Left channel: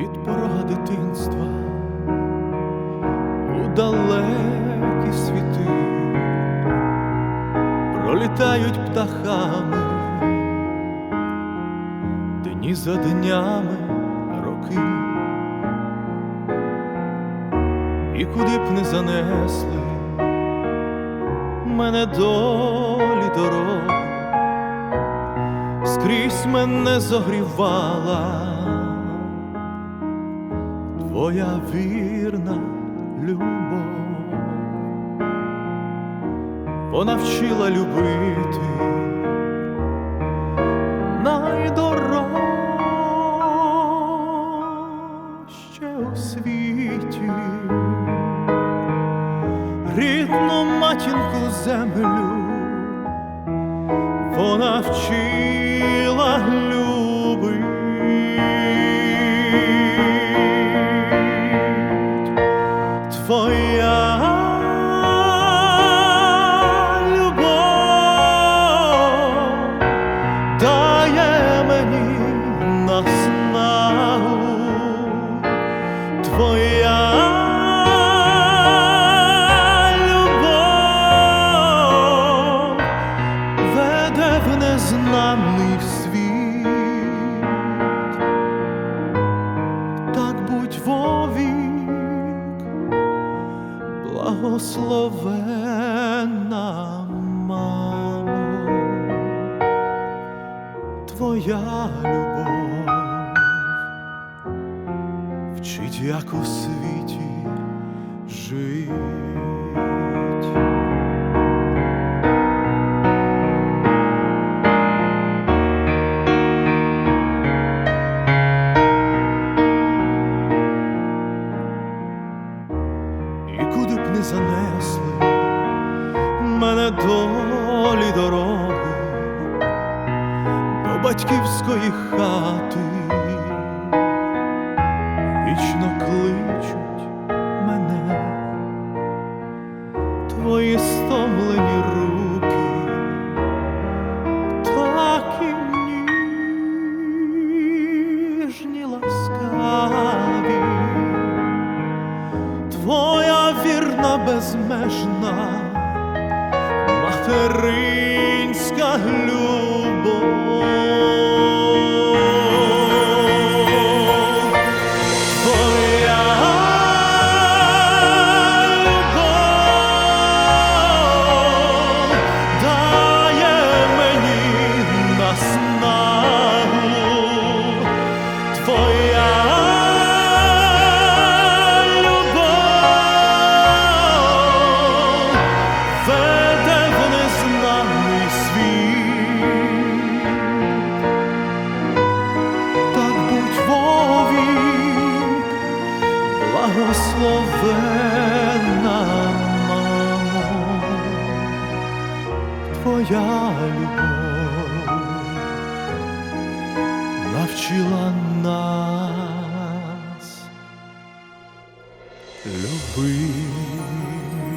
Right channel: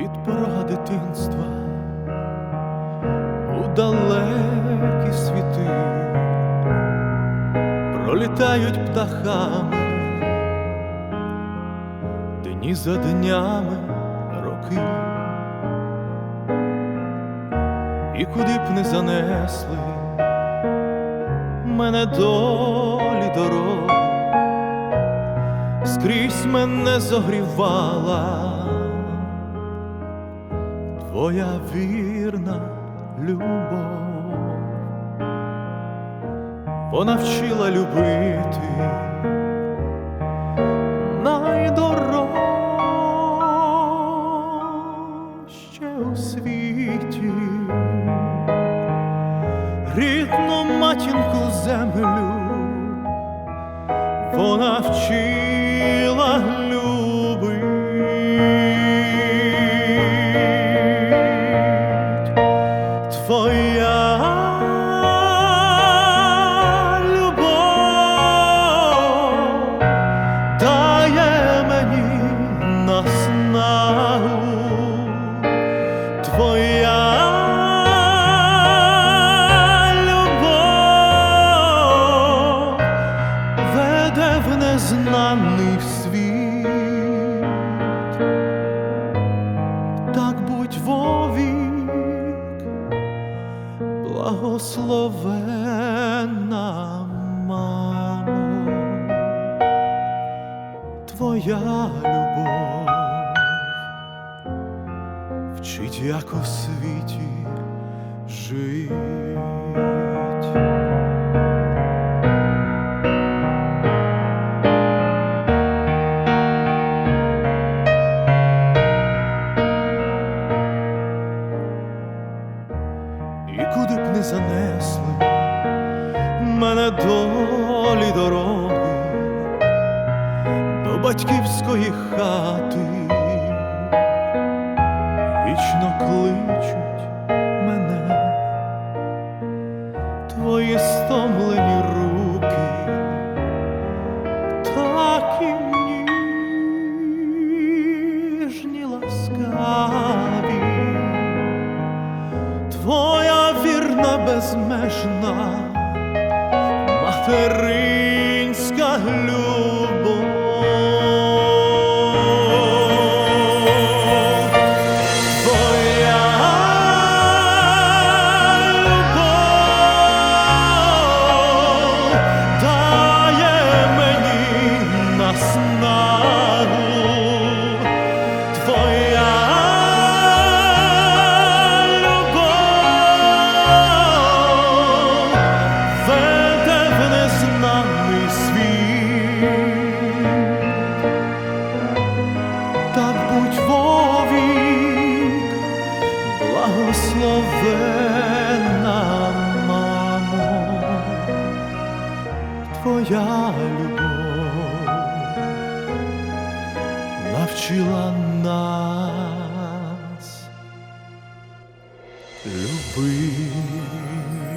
від порога дитинства у далекі світи. Пролітають птахами, дні за днями роки, і куди б не занесли мене долі дороги скрізь мене зогрівала твоя вірна любов, вона вчила любити найдорожче у світі, рідну матінку землю вона вчила любить. Веде в світ, так будь вовік, благословенна мамо, твоя любов вчить, як у світі жить. Куди занесли мене долі дороги до батьківської хати, вічно кличуть мене твої стомлені руки, такі ніжні ласкаві безмежна. Материнська любов, так будь вовік, благословенна мамо, твоя любов навчила нас любити.